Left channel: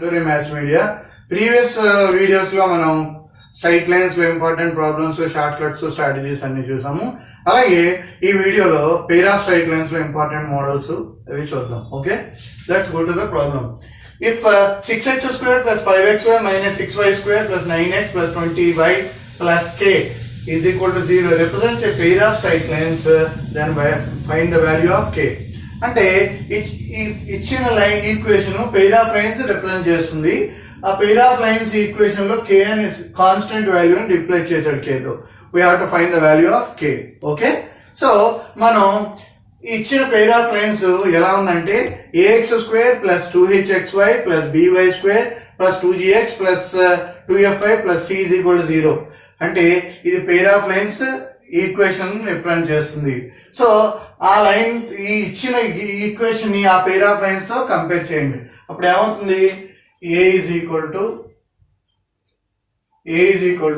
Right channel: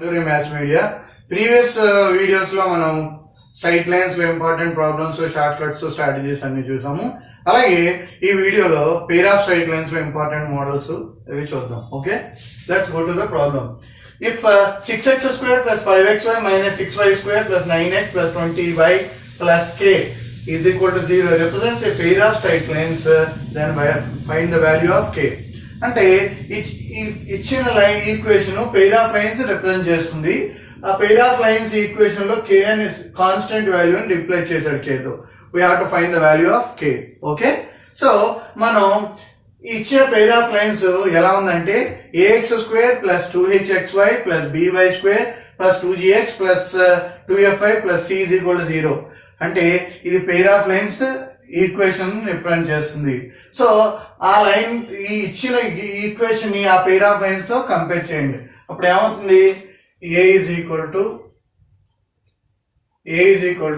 Maths media previous videos లో మనం straight lines లో important problems, short cuts, strategies అన్ని చూసాము. అలాగే ఈ వీడియోలో పెయిర్ ఆఫ్ స్ట్రైట్ లైన్స్ లో ఇంపార్టెంట్ మోడల్స్ అవి చూద్దాం. Okay, let's go to the problem. If 6x square plus 5xy minus 6y square plus 9x plus 20y plus k is equal to 0 represents a pair of straight lines, then find the value of k. అంటే ఇచ్చిన line equation pair of lines represent చేస్తుంది. ఆ pair of lines equation లో k అని constant value అని రిప్లేస్ చేశాడు k తో. We have to find the value of k. Okay, so మనం ఇచ్చిన పెయిర్ ఆఫ్ లైన్స్ ఎలా ఉందంటే ax square plus 2hxy plus by square plus 2gx plus 2fy plus c is equal to 0. అంటే ఇది pair of lines equation represent చేస్తుంది. సో ఆ లైన్ ఈ ఇచ్చిన ఈక్వేషన్ ని ఆ పెయిర్ ఆఫ్ లైన్స్ తో కంపేర్ చేయండి. అప్పుడు ఏమవుతుంది, a is equal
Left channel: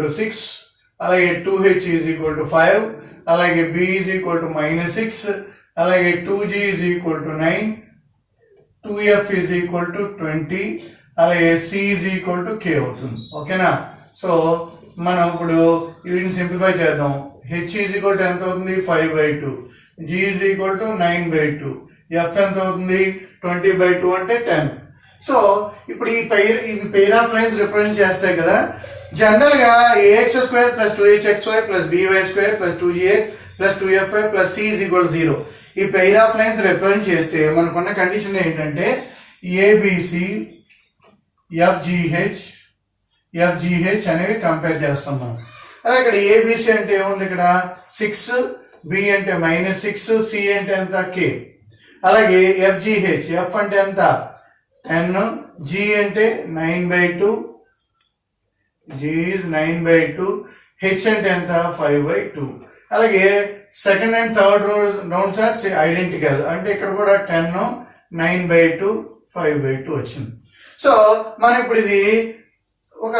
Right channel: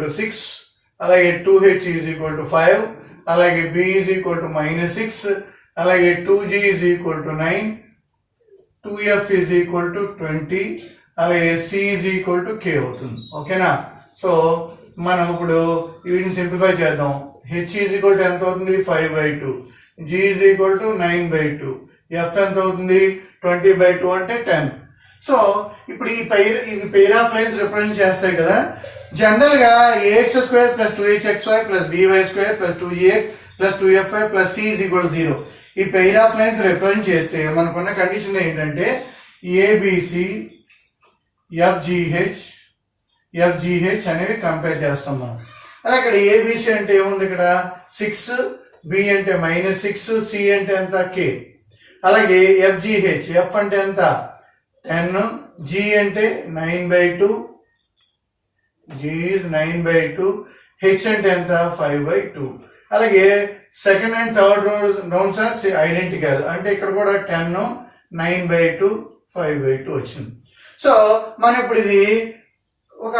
to 6, అలాగే 2h is equal to 5, అలాగే b is equal to -6, అలాగే 2g is equal to 9, 2f is equal to 20, అలాగే c is equal to k అవుతుంది. ఓకేనా? సో మనం ఇప్పుడు వీటిని సింప్లిఫై చేద్దాం. h is equal to ఎంత అవుతుంది, 5/2, g is equal to 9/2, f ఎంత అవుతుంది, 20/2 అంటే 10. సో ఇప్పుడు ఈ పెయిర్ ఆఫ్ లైన్స్ రిప్రజెంట్ చేస్తాయి కదా. జనరల్ గా ax square plus 2hxy plus by square plus 2gx plus 2fy plus c is equal to 0 ఈ పెయిర్ ఆఫ్ లైన్స్ రిప్రజెంట్ చేస్తే మనకున్న కండిషన్ ఏంటంటే abc fgh అనేవి కంపేర్ చేస్తాం మనం. అలా ఇక్కడ abc అంటే ఏముంది, ఇక్కడ 6, b అంటే -6, c అంటే ఎంత, k. అలాగే fgh, f అంటే ఎంత 10, g అంటే 9/2, g is 9/2, h అంటే ఎంత 5/2. అలాగే second and third rounds are identical, అంటే ఇక్కడ కూడా 10, 9/2, 5/2 వచ్చింది. సో మనం ఇప్పుడు ఇది ఒక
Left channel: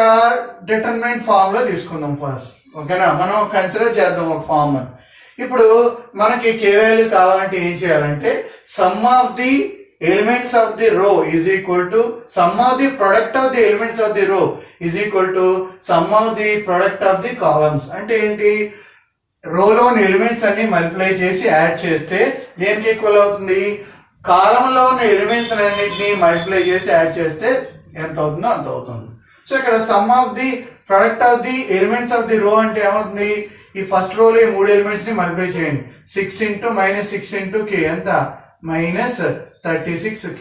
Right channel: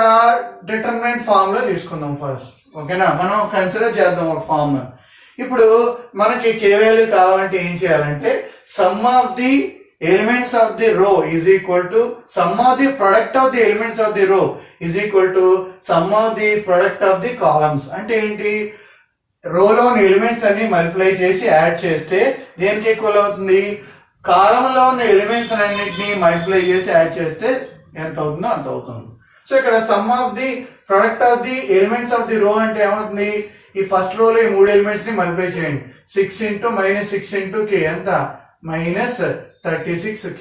డిటర్మినెంట్ ఫామ్ లో తీసుకుందాం ఫస్ట్. ఓకేనా, మనం కన్సిడర్ చేద్దాం ఒక ఫామ్. ఇప్పుడు మనకి k వాల్యూ కావాలంటే ఏం చేయాలంటే some of the elements of the row is equal to sum of the product of the elements of the row is equal to sum of the product of the columns. అంటే ఏంటి, రోలోని ఎలిమెంట్స్ అన్ని మల్టిప్లై చేసి యాడ్ చేస్తే దేనికి ఈక్వల్ అవుతుంది, కాలమ్ లో ఉన్న ఎలిమెంట్స్ అన్నిటిని మల్టిప్లై చేసి యాడ్ చేస్తే ఎంత అవుతుందో అంత అవుతుంది. సో ఇక్కడ some of the product of the elements of the రో అంటే ఏమవుతుంది, ఈ ఫస్ట్ రోలో ఈ 3 ఎలిమెంట్స్ ని మల్టిప్లై చేయండి. 6 into -6 into k ఎంత, -36k.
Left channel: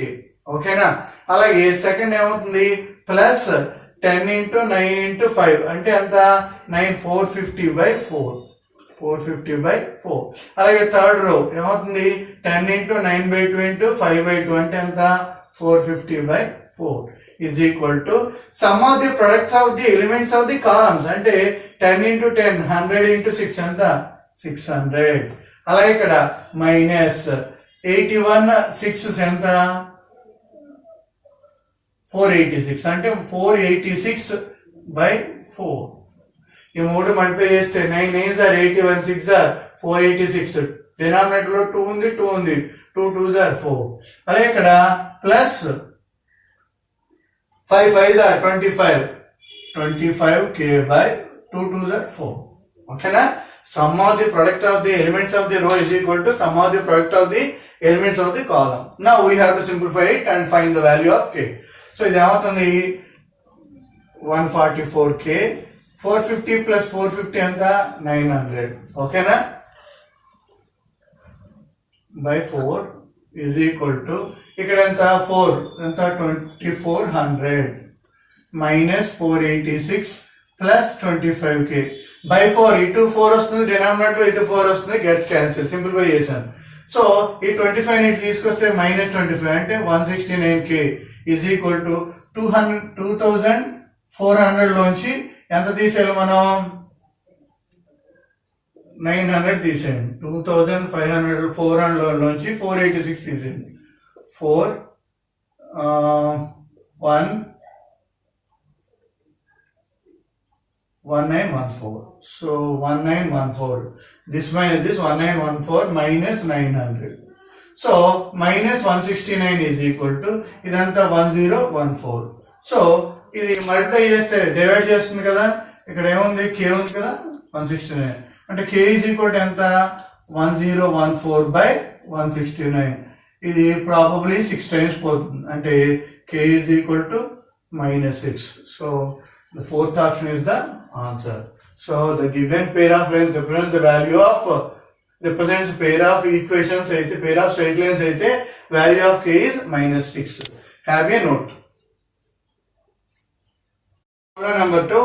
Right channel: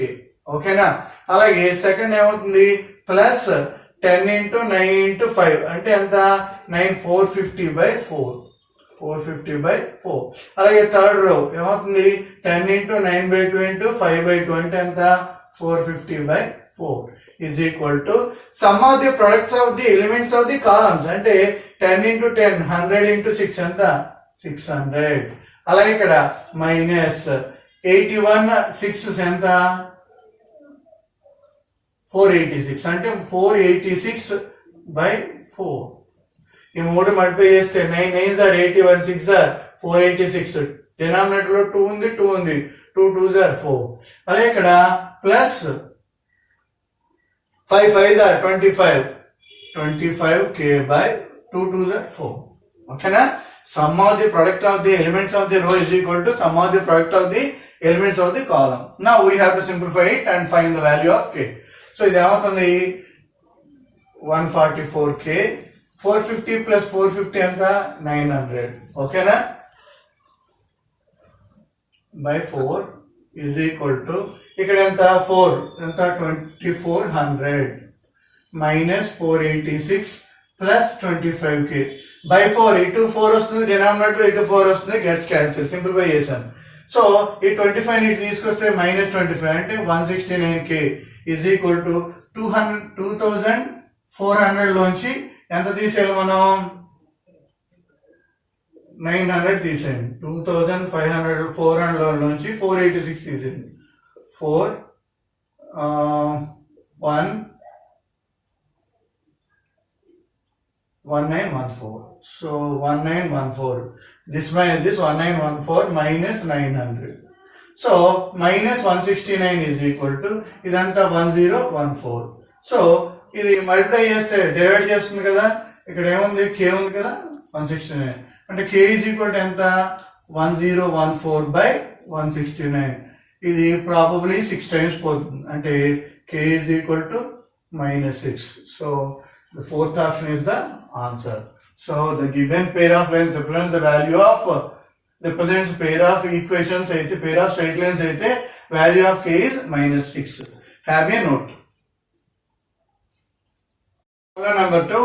ఓకేనా, అలాగే సెకండ్ ఏమవుతుంది, ప్లస్ 10 into 9 into 5 అంటే ఎంత, 9, 450/4, 450/4. అలాగే థర్డ్ రో ఏమవుతుంది, 10 into 9/2 into 5/2 అంటే ఎంత, 450/4 is equal to sum of the products of the elements of the columns అంటే 10 into 10, 100 into 6 ఎంత, 600. అలాగే ఇక్కడ -81 6 ఎంత, 486 అంటే 486/4. ఈ 3 మల్టిప్లై చేస్తే 9 9s are 81, 6 are 486. డినామినేటర్ లో 2 ఉంది, 2 ఉంది, 2 2s are 4. అలాగే ఇక్కడ ప్లస్ 5 5s are 25, 25k/2 2s are 4. ఓకేనా, sum of the product of the elements of the row is equal to sum of the product of the elements of the column. Now we have to simplify it and find the value of k. So ఇది ఏమవుతుంది, 144k, 450 plus 450 ఎంత, 900. ఓకేనా, by 4 is equal to ఇక్కడ ఎంత 4 ఎంత 2400 minus 486 plus 25k by 4. ఇటు 4 వస్తుంది డినామినేటర్, ఇటు 4 వస్తుంది, గెట్స్ క్యాన్సిల్, సింప్లిఫై చేశాను. సో ఈ 25 ని తీసుకొస్తే -25 అంటే 169k is equal to 2400 లోంచి ఎంత తీసేయాలి మనం, 900 తీసేయండి. 2500 400 లోంచి 486 తీసేయండి. 4 1 1914. So 1914. This minus this 1914 minus 900. So minus 169 is equal to idanta 1014. సో ఇది మల్టిప్లై చేస్తే డివైడ్ చేస్తుంది కదా, ఇక్కడ ఏముంది k ఉంది కదా 169 అంటే k ఈజ్ ఈక్వల్ టు ఎంత 1014/169. ఇది ప్రాబబ్లీ 6 times పోతుంది అంటే k is equal to -6. So the fourth option is the answer. So the given pair of lines represents the value of represents pair of equations అయితే pair of straight lines అయితే value of k is -6. Have a note. Number 2.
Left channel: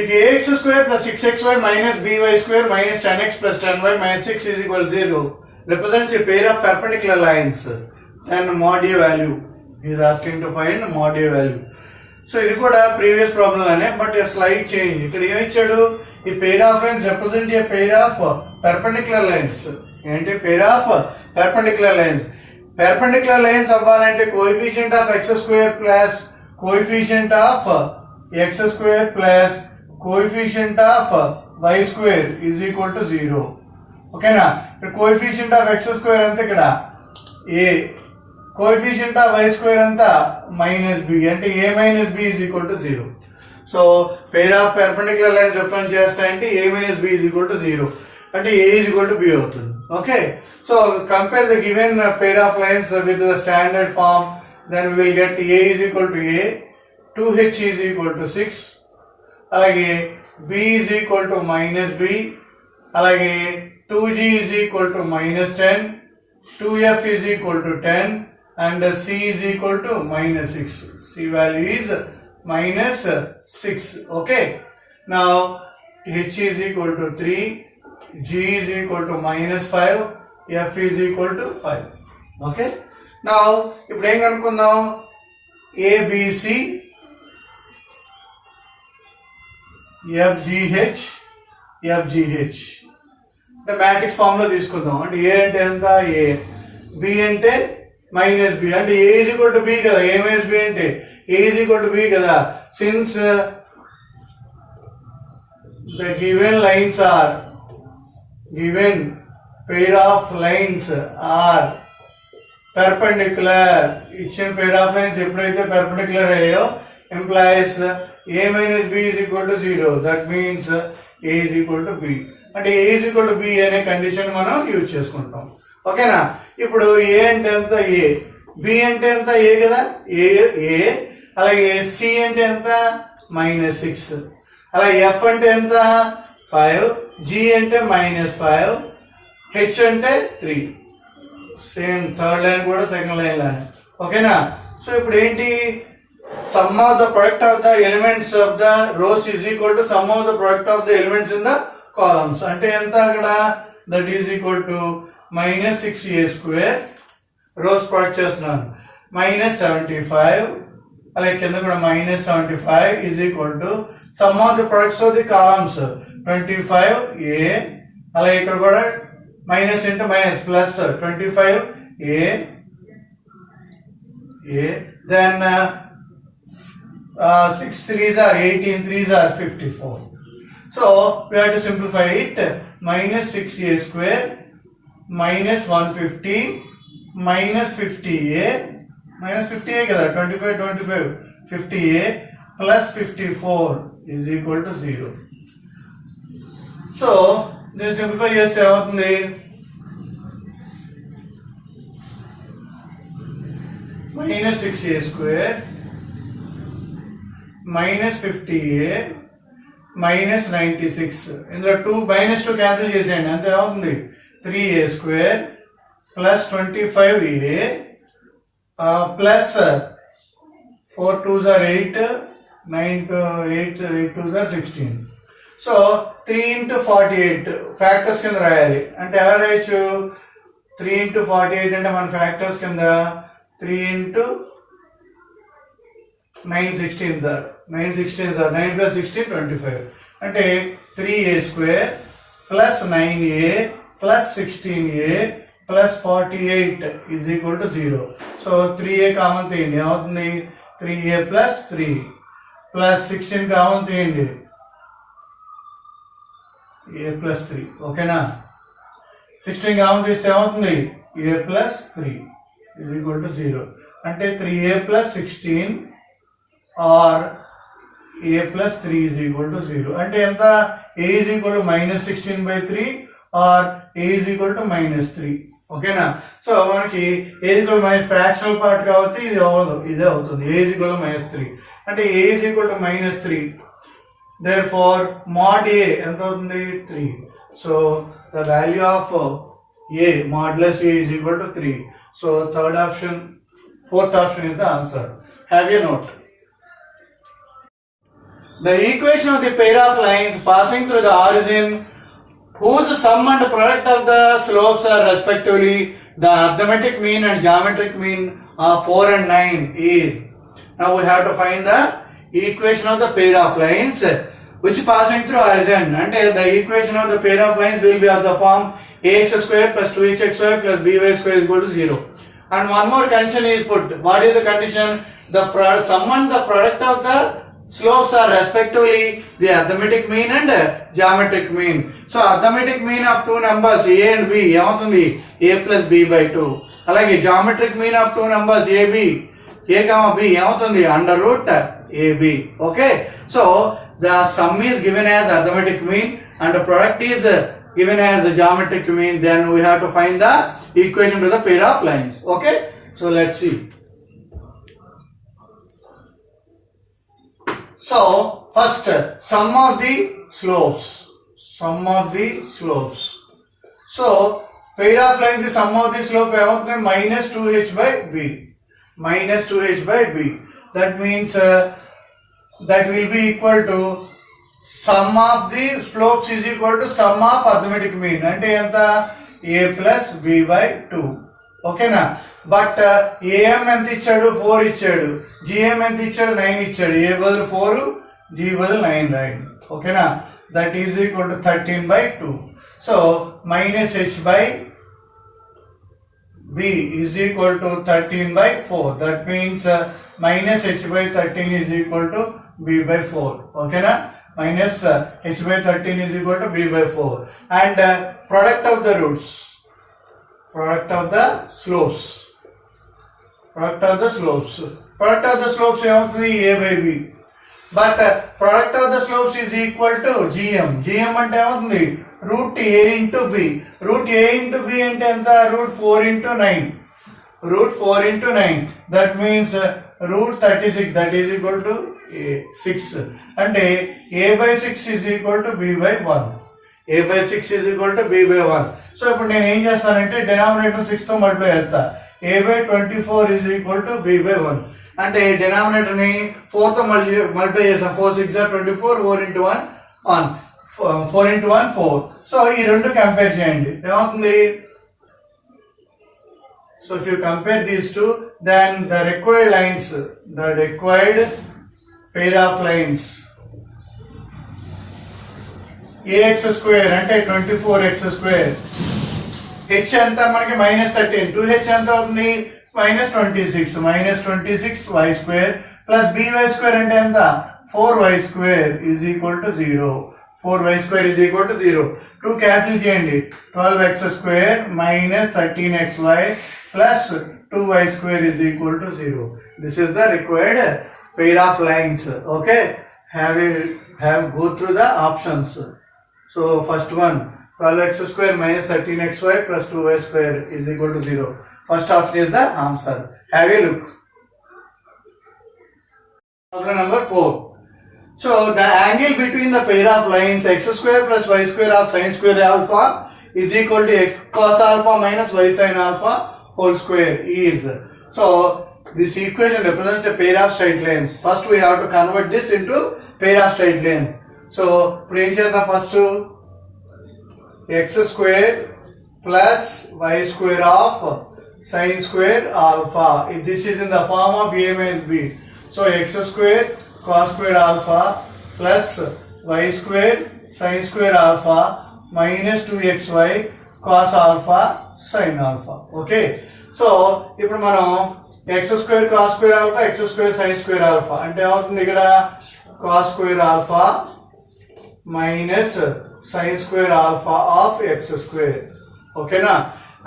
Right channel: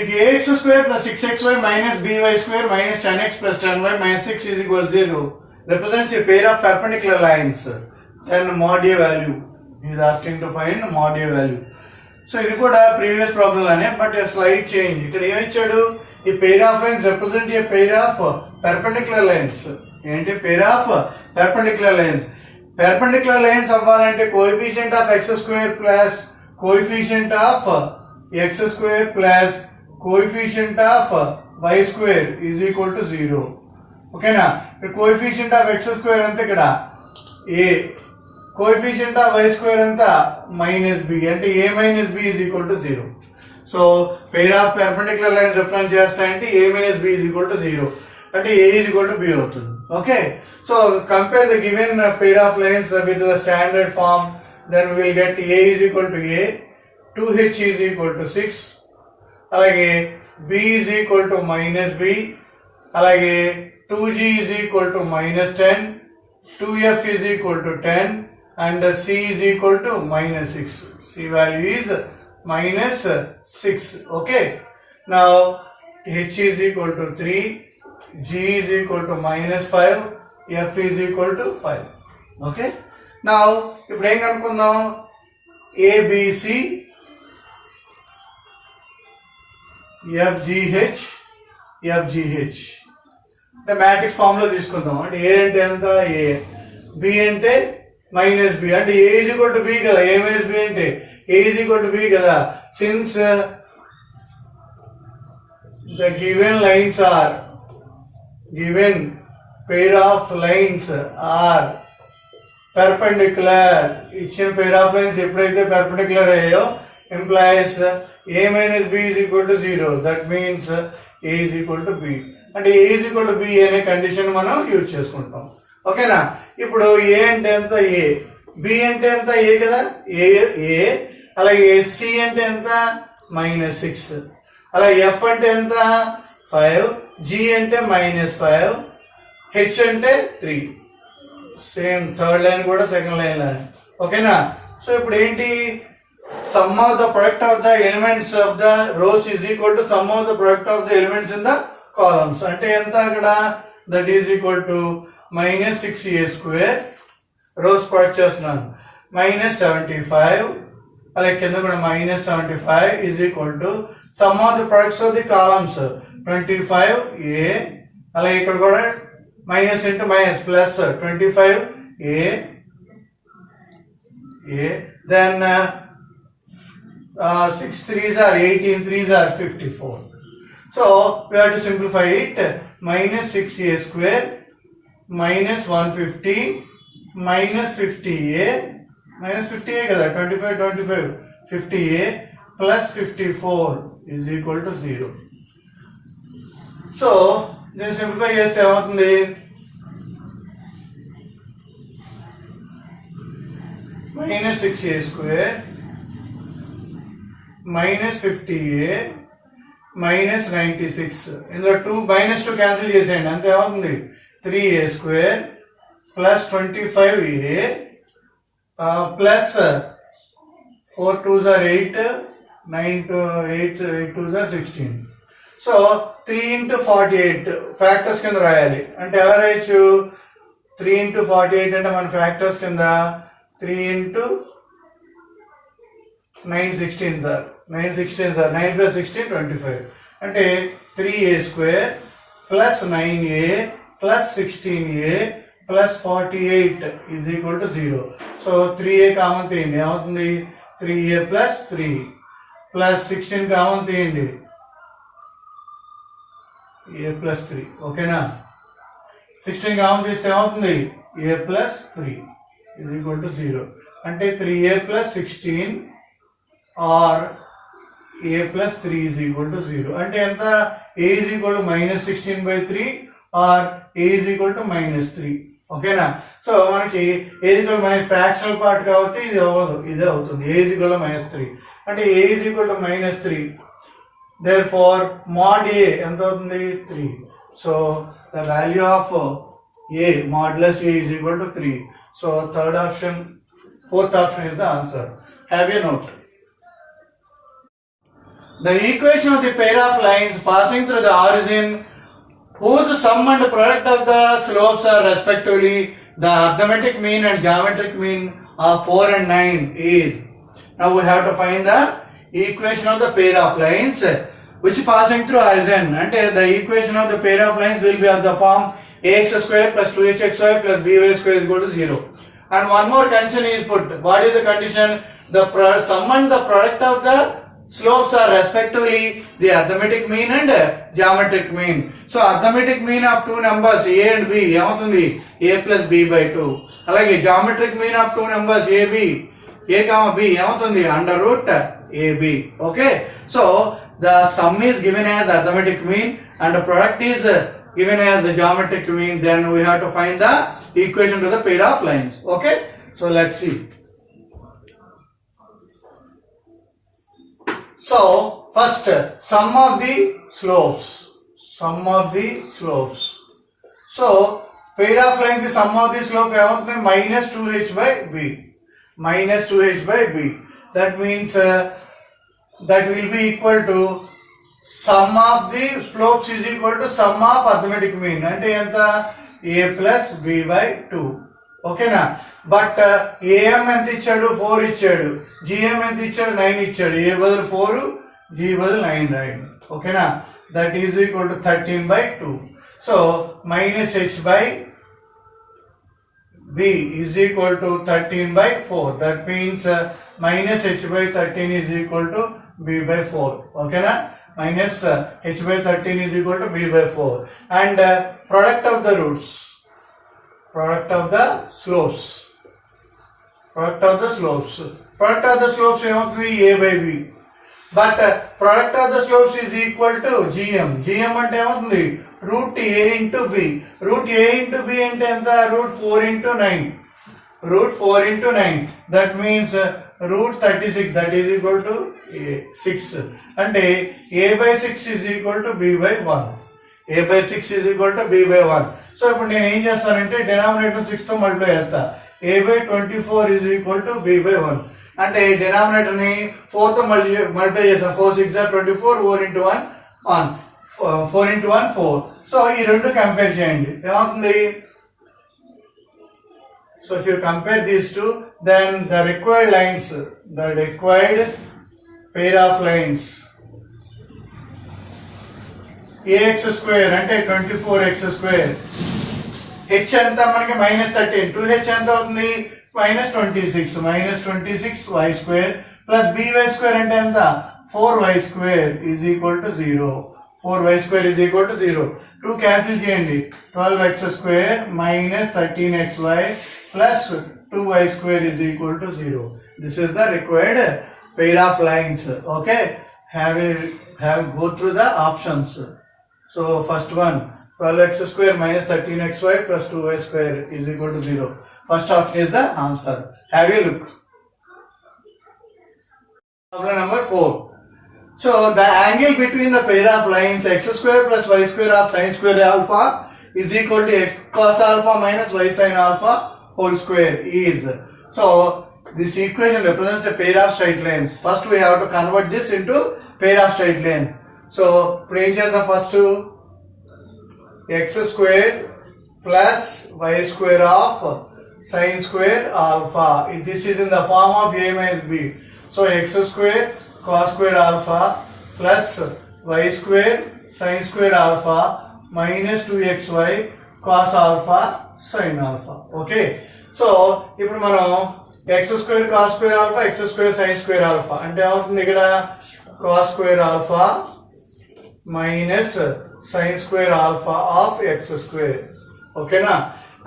If ax square plus 6xy minus by square minus 10x plus 10y minus 6 is equal to 0 represents a pair of perpendicular lines, then mod a value. He is asking to find mod a value. So ఇది కూడా previous problem అనే but slide change. ఇక్కడ ఏమి ఇచ్చాడు, ఈ pair of lines represent a pair of perpendicular lines. ఏంటి pair of perpendicular lines. Perpendicular lines అవ్వాలంటే coefficient of x square plus coefficient of x square plus coefficient of y square is equal to 0. ఓకేనా. ఇక్కడ coefficient of x square అంతా ఇక్కడ a, coefficient of y square అంతా -b అంటే a - b is equal to 0. So pair of perpendicular lines represent చేస్తాయంటే a - b is equal to 0 అంటే a is equal to b అవుతుంది. Okay. So compare the given pair of lines with the standard form, then will get a is equal to a, 2h is equal to 6, అలాగే b is equal to -b, అలాగే 2g is equal to -10, 2f is equal to 10 and c is equal to -6. C value is -6. Okay. Now h is equal to 3, g is equal to -5, f is equal to 5. Okay. Now ఇప్పుడు ఏం కనుక్కుందాం, abc fgh fgh అంటే matrix form లో తీసుకుందాం. అంటే a అంటే ఎంత a, b అంటే -b అంటే a is equal to b కదా, a minus b అంటే a is equal to b కదా. Since the given lines are given pair of lines are perpendicular, ఇచ్చిన pair of lines ఎప్పుడైతే perpendicular అయ్యాయో implies a minus b is equal to 0. That means a is equal to b అంటే a is equal to b అనే కండిషన్ మనం యూజ్ చేసుకుంటాం. ఓకేనా. ఇప్పుడు ఏ అంటే ఎంత ఏ, బి అంటే ఎంత ఏ కదా ఏ, అలాగే సి అంటే ఎంత -6, అలాగే ఎఫ్ అంటే ఎంత 5, జి అంటే -5, హెచ్ అంటే 3. సేమ్ థర్డ్ లైన్ కూడా సెకండ్ లైన్ లానే. ఓకేనా. సో ఇప్పుడు ఏంటి, sum of the product of the elements of the rows is equal to sum of the product of the elements in the columns. అంటే ఎంత అక్కడ, that is equal to -6a square, rows product చేస్తున్నాను -75, అలాగే కింద కూడా -75 is equal to sum of the products of the columns 25a, అలాగే ఇక్కడ కూడా minus into minus plus 25a, then 6 3s are 18, 3s are 54. So we have to simplify it. -6a square minus 150 minus 50a కదా 25 50a plus 54 is equal to 0. So దీన్ని సింప్లిఫై చేస్తే ఏమవుతుంది, -6a square minus 50a minus 96. ఇందులో 2 -2 క్యాన్సిల్ చేసేయండి, అంతే ఏమవుతుంది 3a square plus 25a plus 4 2s are 8, 9 to 8 2s are 16. సో 3 into 48 ఫ్యాక్టర్స్ కింద రాయాలి. అంటే ఎలా రాయొచ్చు, 3 into 48 అంటే మన ఫ్యాక్టర్స్ కింద 3 into 9 16 సార్ 9 plus 16 25 అంటే 3a square plus 9a plus 16a plus 48 is equal to 0. So 3a common తీయండి, ఏమవుతుంది 3a plus 3 plus 16 కామన్ తీయండి, a plus 3. ఓకేనా. 16 కామన్ తీస్తే ఏమవుతుంది a plus 3 is equal to 0. అంటే 3a plus 16 or a plus 3 is equal to 0. అంటే ఎంత a is equal to minus 16 by 3 or a is equal to minus 3. ఓకేనా? సో మనకి a is equal to minus fractional part కాబట్టి ఇది అవ్వదు, ఇదే అవుతుంది. a is equal to minus 3 అంటే a is equal to minus 3. therefore mod a ఎంత అవుతుంది? 3. so the value of a modulus a is equal to 3. so fourth option is the answer. have a note. The equation of the pair of lines passing through the origin whose sum and product of the slopes are respectively the arithmetic mean and geometric mean of 4 and 9 is. Now we have to find the equation of the pair of lines which passing through origin, and the equation of the pair of lines will be of the form ax square plus 2hxy plus by square is equal to 0. And one more condition is put. What is the condition? The sum and the product of the slopes are respectively the arithmetic mean and geometric mean. So arithmetic mean of two numbers a and b ఏమవుతుంది? a plus b by 2. అలాగే geometric mean of two numbers a comma b ఏమవుతుంది? under root ab. okay, so the sum is given as arithmetic mean and the product is given as the geometric mean. Then we have to find the equation to the pair of lines. okay, so let's see. So first sum of the slopes. So pair of lines, the sum of the slope minus 2h by b. That means that will be equal to sum of the slopes is equal to sum of arithmetic mean. అంటే ఎంత? a plus b by 2. ఓకేనా? But am ఎంత ఇచ్చాడు? 4 ఇచ్చాడు. gm ఎంత ఇచ్చాడు? 9 ఇచ్చాడు. a బదులు 4, g బదులు 9 రాయండి. ఓకేనా? దట్ ఈజ్ ఈక్వల్ టు 13 by 2. So minus h by b is equal to 13 by 4. That means minus h by 13 is equal to b by 4. ఓకేనా? minus h by 13 is equal to b by 4. And product of the roots. Product of the slopes ఏమవుతుంది? a by b. But product of the slopes is equal to gm అంటే ఏమవుతుంది? root a into b. root a into b అంటే ఎంత? root 4 into 9. that means root 36, that is equal to 6. అంటే a by 6 is equal to b by 1. సో ఇప్పుడు నేను ఏం చేస్తానంటే డినామినేటర్ 6 తో మల్టిప్లై చేస్తా. a by 24 is equal to b by 1. అంటే డినామినేటర్ ని 4 తో మల్టిప్లై చేస్తాం. 4 6 are 24, 4 into 1 4 into 1 4. సో ఈ రెండు కంపేర్ చేయండి. ఏమవుతుంది? So if you compare these two, then the required pair of lines ax square అంటే 24x square, h అంతా మనకి minus 13, 2h ఎంత అవుతుంది? minus 26 y square plus by square అంటే ఎంత? 4y square is equal to 0. 2 cancel చేయండి. 12x square minus 13xy plus 2y square is equal to 0. This is the required pair of lines. okay, go through the options. So first one, 12x square minus 13xy plus 2y square is equal to 0. First option is the answer. Have a look. Problem number 4. So the angle between the pair of lines x square plus y square of sin square alpha is equal to x cos alpha minus y sin alpha whole square is. So this equation represents a pair of straight lines. First we have to convert this into pair of straight lines. So equation the first x square plus y square of sin square alpha. This is in the form of a minus b. So x square cos square alpha plus y square sin square alpha minus 2xy cos alpha sin alpha. Okay. So ఇప్పుడు మనం x square cos square alpha, x square sin square alpha అంటే ఏమవుతుంది? ఇక్కడ cos square alpha minus sin square alpha of x square. ఓకేనా?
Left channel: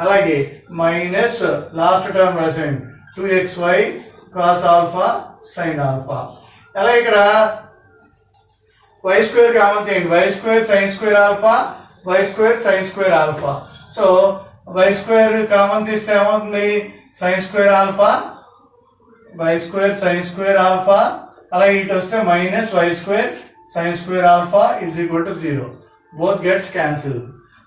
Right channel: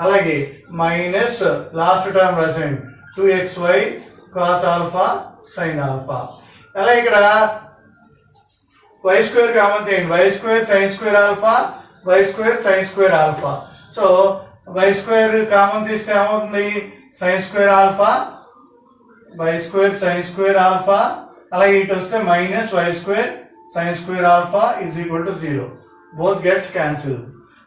అలాగే minus last term రాసేయండి 2xy cos alpha sin alpha. అలా ఇక్కడ y స్క్వేర్ కామన్ తీయండి, y square sine square alpha, y square sine square alpha. So y square common తీస్తే ఏమవుతుంది, sine square alpha, y square sine square alpha, అలాగే ఇటు వస్తే minus y square sine square alpha is equal to 0. Both gets cancel.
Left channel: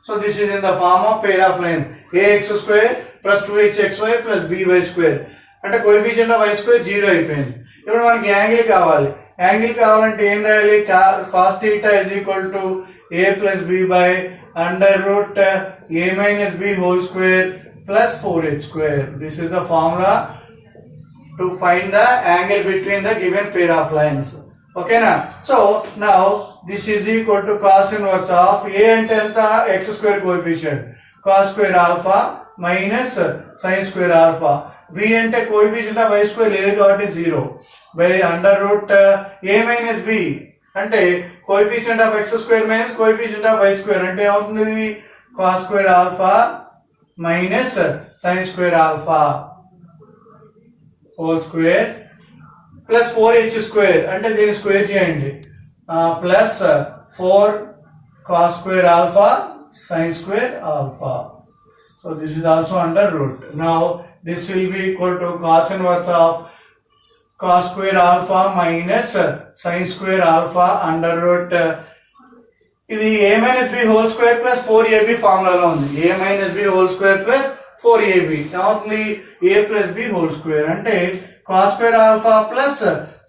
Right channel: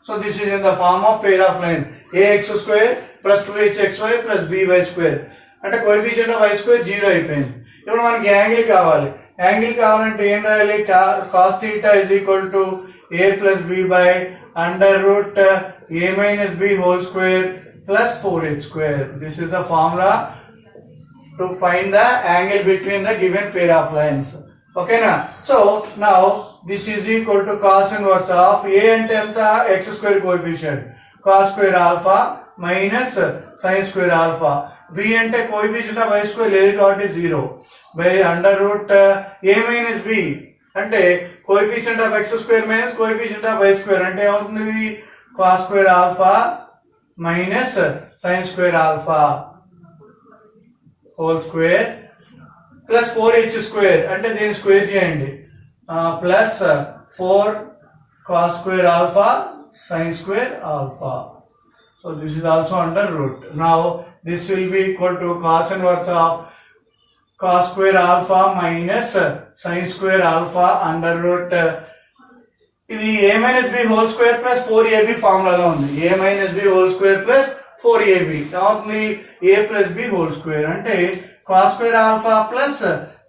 So this is in the form of pair of line ax square plus 2hxy plus by square. అంటే coefficient of y square 0 అయిపోయింది. ఇప్పుడు మనకి యాంగిల్ కావాలి. యాంగిల్ కావాలంటే ఏం రాయాలి, cos theta is equal to a plus b by under root a minus b whole square plus 4h square. This is the formula to find the angle between the given pair of lines. Okay na? So now this is equal to cos inverse of a and x square coefficient, cos square alpha minus sin square alpha. b అంటే coefficient of y square లేదు కాబట్టి 0 by under root a minus b అంటే coefficient of x square minus coefficient of y square అంటే ఏమవుతుంది, cos square alpha minus sin square alpha whole square plus 4h square అంటే దీన్ని స్క్వేర్ చేయండి, ప్లస్ 4 cos square alpha sin square alpha. So this is also under root. Now this will be equal to cos inverse of cos square alpha minus sin square alpha under root. ఇది a minus b whole square plus 4ab ఫార్ములాలో ఉంది. a minus b whole square plus 4ab ఏమవుతుంది, a plus b whole square అంటే cos square alpha plus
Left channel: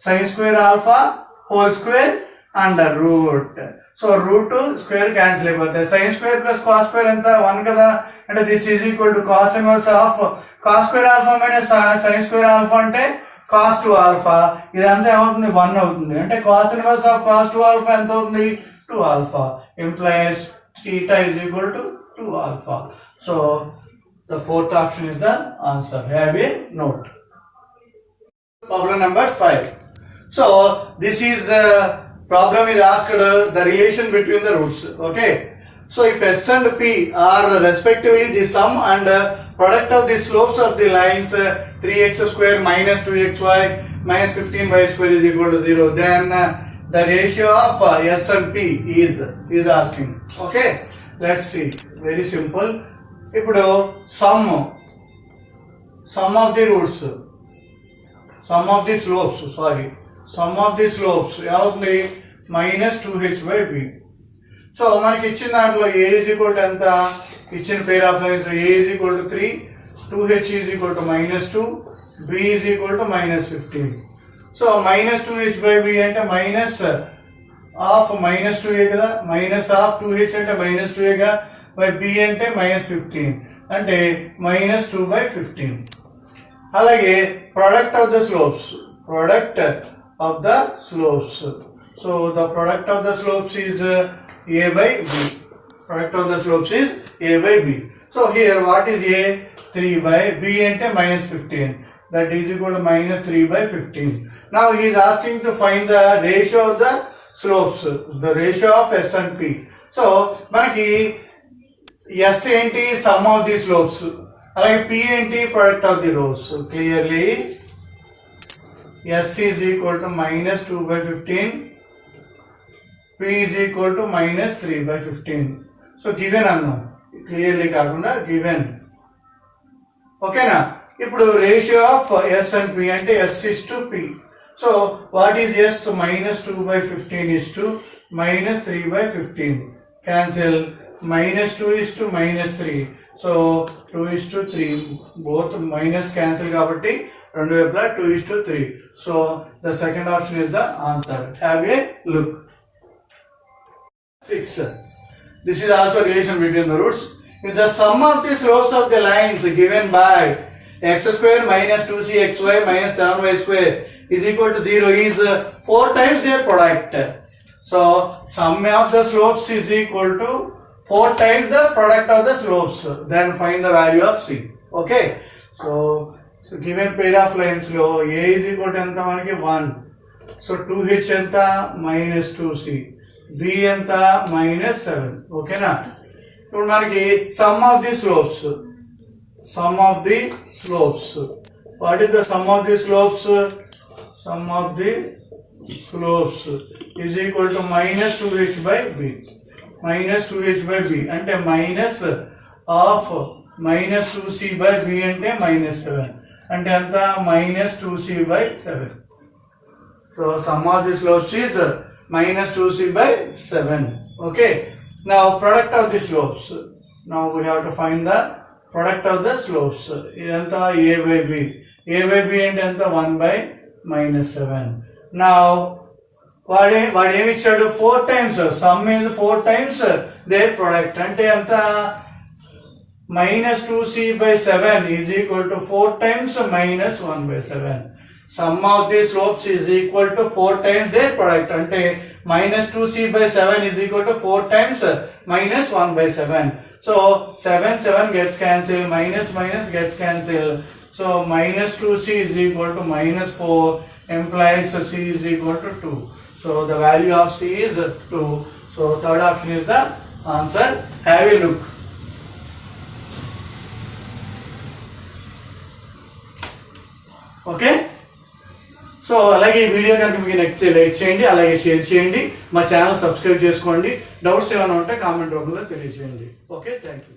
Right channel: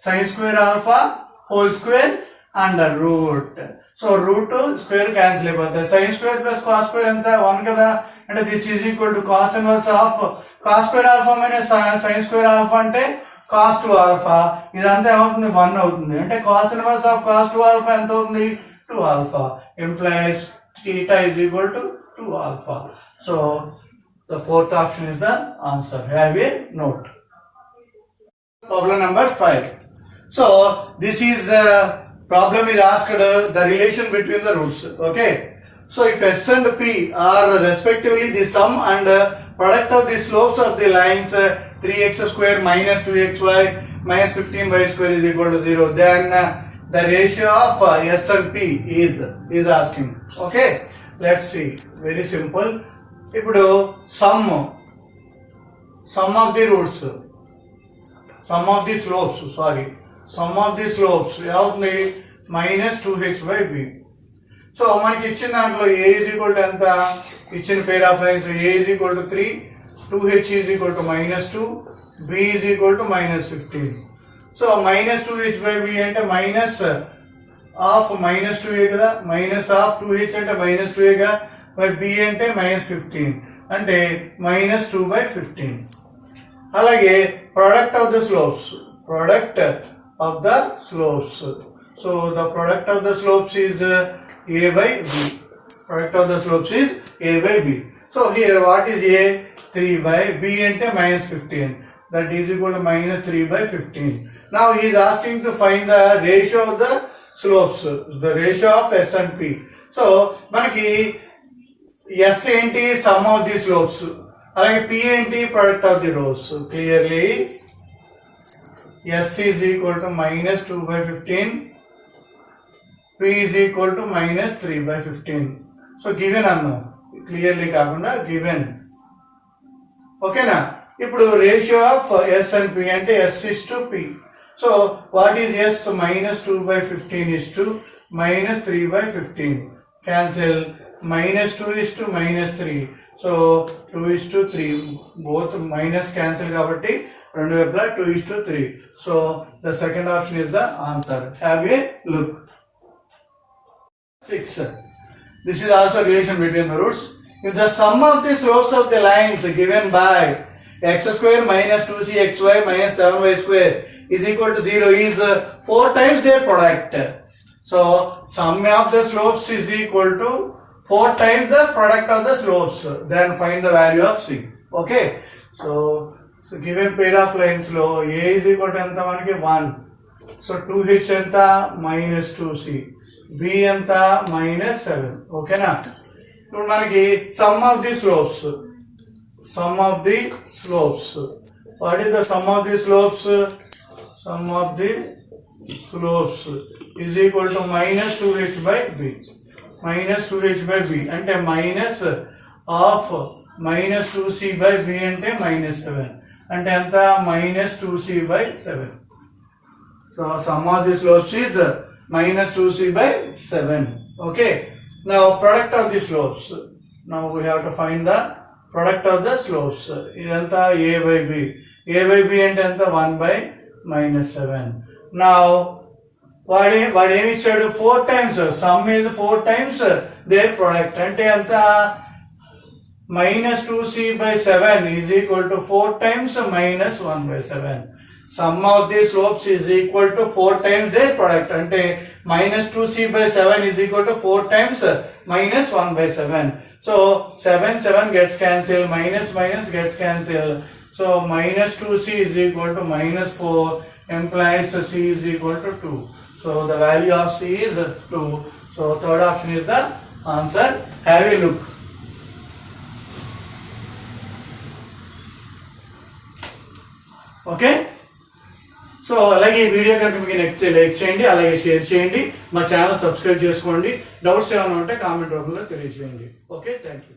sin square alpha whole square under root. So root square cancel అయిపోతాయి. Sine square plus cos square ఎంత 1 కదా, అంటే this is equal to cos inverse of cos square alpha minus sine square alpha అంటే cos 2 alpha. ఇదంతా ఏమవుతుంది, 1 అవుతుంది. అంటే cos inverse of cos 2 alpha ఎంత అవుతుంది, 2 alpha. Implies theta is equal to 2 alpha. So the fourth option is the answer. Have a note. Problem number 5. So this is problem is asked the relation between the roots. Okay, so if s and p are respectively the sum and product of the slopes of the lines 3x square minus 2xy minus 15y square is equal to 0, then the ratio of s and p is asking. Okay, let's see. Very simple. ఇప్పుడు sum of the roots, sum of the slopes, sorry, sum of the slopes ఏమవుతుంది, minus 2h by b. So మనకి ఇచ్చిన దాంట్లో a is equal to ఎంత, ఇచ్చిన పేర్ of lines a is equal to 3, 2h is equal to -2, b is equal to -15. So minus 2h by b అంటే minus of -2a కదా, minus of 2h అంటే -2a గా, by b అంటే -15 అంటే -2/15. అలాగే product of the slopes, product of the slopes. So the product of the slopes is a by b. Product of the slopes is a by b. So here what is a, 3 by b ante -15, that is equal to -3/15. Now he is asking to find the ratio of the slopes, the ratio of s and p. So manaki s enti sum of the slopes, alage p enti product of the rows. So clearly s is equal to -2/15, p is equal to -3/15. So given అన్నాం, క్లియర్లీ కాకుండా given. ఓకేనా? ఇప్పుడు ratio of s and p అంటే s is to p. So what is s, -2/15 is to -3/15. క్యాన్సిల్, -2 is to -3. సో 2 is to 3, both minus cancel కాబట్టి రెండు వైపులా 2 is to 3. So the second option is the answer. Have a look. 6. This is also relation between the roots. If the sum of the slopes of the lines given by x square minus 2cxy minus 7y square is equal to 0 is 4 times their product. So sum of the slopes is equal to 4 times the product of the slopes. Then find the value of c. Okay. So given pair of lines lo a is equal to enta manaki 1. So 2h enta -2c. b ఎంత -7. ఓకేనా? ఇప్పుడు మనకి some of the slopes, some of the slopes, what is the sum of the slopes? sum of the slopes is equal to minus 2h by b. Minus 2h by b అంటే minus of minus 2c by b అంటే minus 7 అంటే ఎంత minus 2c by 7. So sum of the slopes is minus 2c by 7. Okay. Now product of the slopes. Now we have to find the product of the slopes. ఇదంతా a by b. a by b అంటే ఎంత 1 by minus 7. Now వాడు ఏమి ఇచ్చాడు 4 times sum is 4 times their product అంటే ఎంత minus 2c by 7 is equal to 4 times minus 1 by 7. Sum of the slopes is equal to 4 times their product అంటే minus 2c by 7 is equal to 4 times minus 1 by 7. So 7 gets cancelled, minus gets cancelled. So minus 2c is equal to minus 4 implies c is equal to 2. So the value of c is 2. So third option is the answer. Have a look. Okay. So అలాగే ఈ వీడియో కనుక మీకు నచ్చితే లైక్ చేయండి, అలాగే షేర్ చేయండి, మా channel subscribe చేసుకోండి. డౌట్స్ ఏమైనా ఉంటే కామెంట్ రూపంలో తెలియజేయండి. Okay, thank you.